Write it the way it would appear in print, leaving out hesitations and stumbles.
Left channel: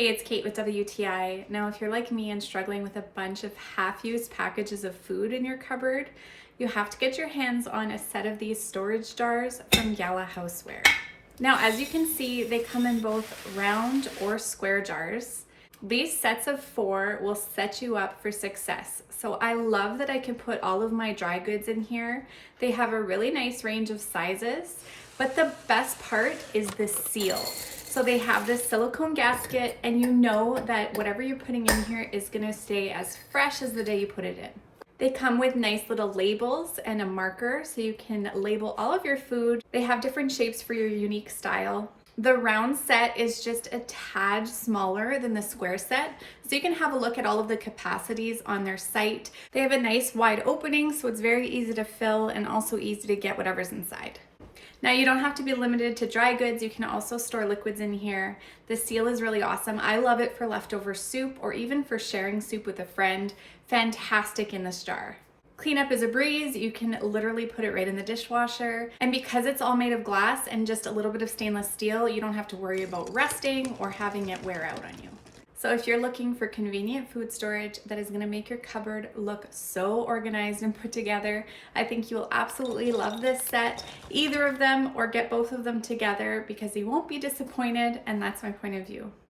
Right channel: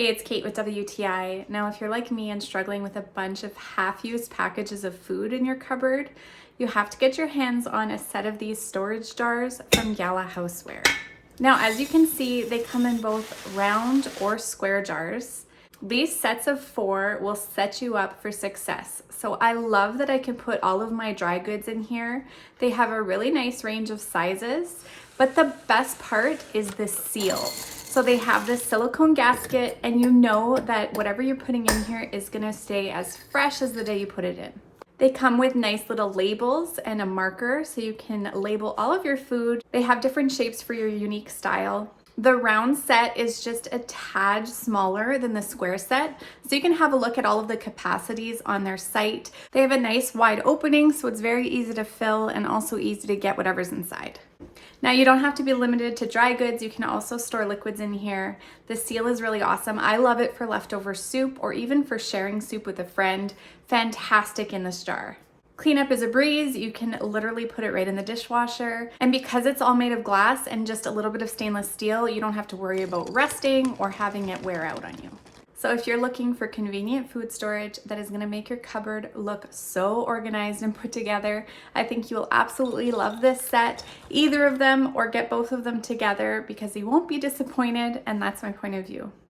Hey, it's Kate with WTI. Now, if you're like me and struggling with a bunch of half-used packages of food in your cupboard, you have to get your hands on a set of these storage jars from Gala Houseware. Now, as you can see, they come in both round or square jars. These sets of 4 will set you up for success. So I love that I can put all of my dry goods in here. They have a really nice range of sizes, but the best part is the seal. So they have this silicone gasket, and you know that whatever you're putting in here is gonna stay as fresh as the day you put it in. They come with nice little labels and a marker so you can label all of your food. They have different shapes for your unique style. The round set is just a tad smaller than the square set, so you can have a look at all of the capacities on their site. They have a nice wide opening, so it's very easy to fill and also easy to get whatever's inside. Now, you don't have to be limited to dry goods. You can also store liquids in here. The seal is really awesome. I love it for leftover soup or even for sharing soup with a friend. Fantastic in this jar. Cleanup is a breeze. You can literally put it right in the dishwasher. And because it's all made of glass and just a little bit of stainless steel, you don't have to worry about rusting or having it wear out on you. So if you're looking for convenient food storage that is gonna make your cupboard look so organized and put together, I think you will absolutely love this set, either of them, or get both of them together because you won't be disappointed, and that's my point of view.